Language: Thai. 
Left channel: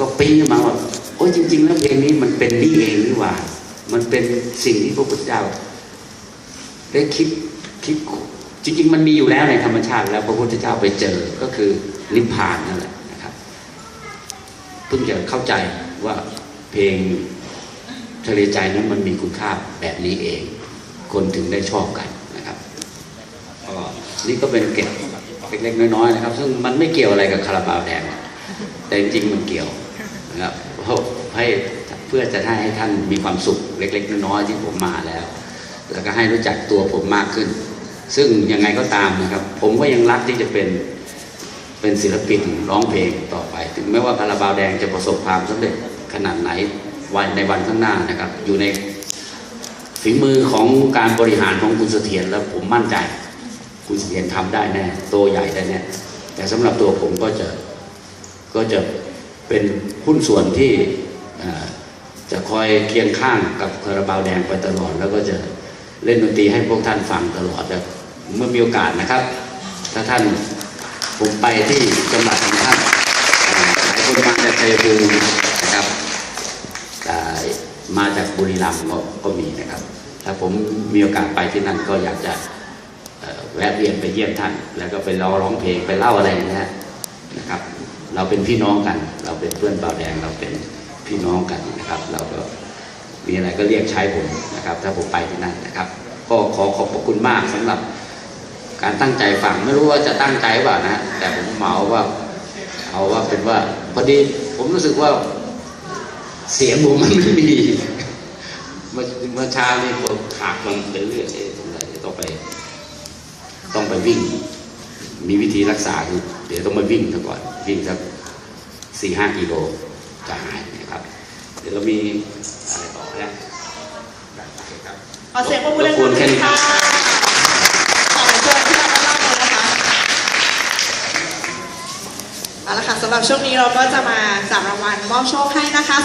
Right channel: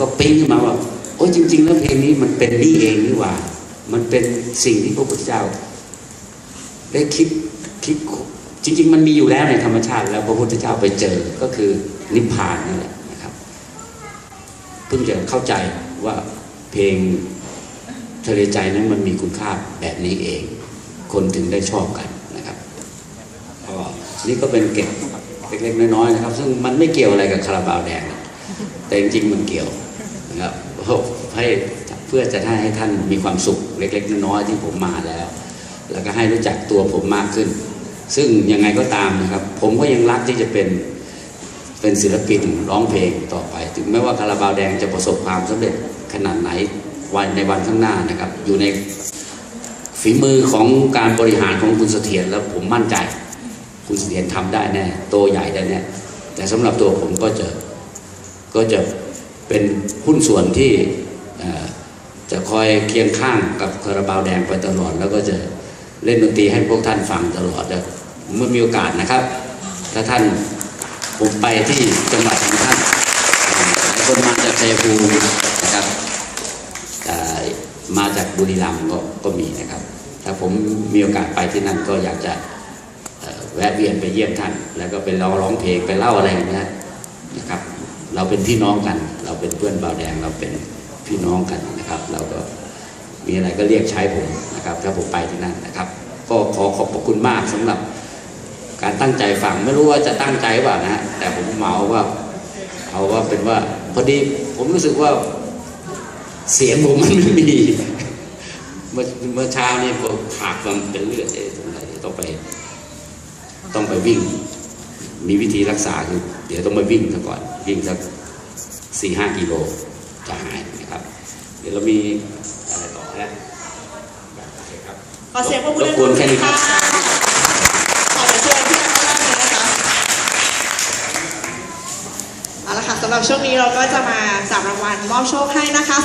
ก็ปิ้งขึ้นมาว่าโอ้ยจริง ๆ แล้วเพลงนี้มันเป็นนี่เองนี่หว่า มันเป็นสิ่งที่พระพุทธเจ้า ได้คิดคิดจริง ๆ มันมีอยู่แล้วในธรรมชาติแล้วพระพุทธเจ้าไปเจอก็คือนิพพานนั่นแหละนะครับเพิ่งจะเข้าใจว่าเพลงทะเลใจนั้นมันมีคุณค่าแบบนี้เอง คนถึงได้ชอบกันนะครับก็นี่ก็เป็นเก็บเล็กๆน้อยๆนะครับ ซึ่งมันไม่เกี่ยวอะไรกับคาราบาวแดงแต่จริงๆมันเกี่ยว นะครับเพราะให้เพื่อจะให้ท่านมีความสุขเล็ก ๆ น้อยๆที่ผมมาแล้ว แล้วก็ให้รู้จักตัวผมมากขึ้น ซึ่งยังไงก็ตามนะครับ ผมก็ยังรักที่จะเป็นเป็นศิลปินร้องเพลงต่อไป ถึงแม้ว่าคาราบาวแดงจะประสบความสำเร็จขนาดไหนวันในวันข้างหน้านะครับ อยู่ในฝีมือของการบริหารของคุณเสถียรแล้วผมมั่นใจ คุณเสถียรทำได้แน่โตใหญ่ได้แน่แต่สำหรับตัวผมก็จะก็จะ เป็นหุ้นส่วนที่จะคอยเคียงข้างกับคาราบาวแดงไปตลอด แล้วก็จะเล่นดนตรีให้พวกท่านฟังตลอดแล้วเมื่อมีโอกาสนะครับ ถ้าท่านผมไปที่จังหวัดของท่านเอ่คนมาจากชัยภูมินะครับแต่มาจากบุรีรัมย์ก็มีนะครับ ถ้าผมมีโอกาสไปที่นั่นก็อยากจะแวะเวียนไปเยี่ยมท่าน แล้วก็ไปร้องร้องเพลงไปเล่าอะไรอย่างเงี้ยนะครับ เราเป็นพี่น้องกัน เราเป็นเพื่อนบาวแดงเราเป็นพี่น้องกันนะครับ เราก็มีอะไรก็เรียกใช้ผมนะครับ ถ้าผมไปที่นั่นนะครับ ก็ขอขอบพระคุณมากสำหรับการตั้งใจฟังไม่รู้ว่าจะตั้งใจว่านะ แต่ผมเหมาว่าเอาว่าเป็นว่าพอดีผมรู้สึกว่าเสียงผมมันไม่มีเมื่อเช้านี่ผมขาดมันเป็นเลือดเอ๊ะสงสัยต้องไป ต้องไปวิ่ง มีวิธีรักษาคือเดี๋ยวต้องมาวิ่งก่อนวิ่งสักสี่ห้ากิโลจะหายนะครับ เดี๋ยวเรามีอะไรต่อแล้วโอเคครับขอเสียงปรบมือรบกวนแค่นี้คค่ะรับขอเชิญที่ด้านล่างเลยนะคะเอาละค่ะสำหรับช่วงนี้เราก็จะมาจับรางวัลมอบโชคให้นะคะ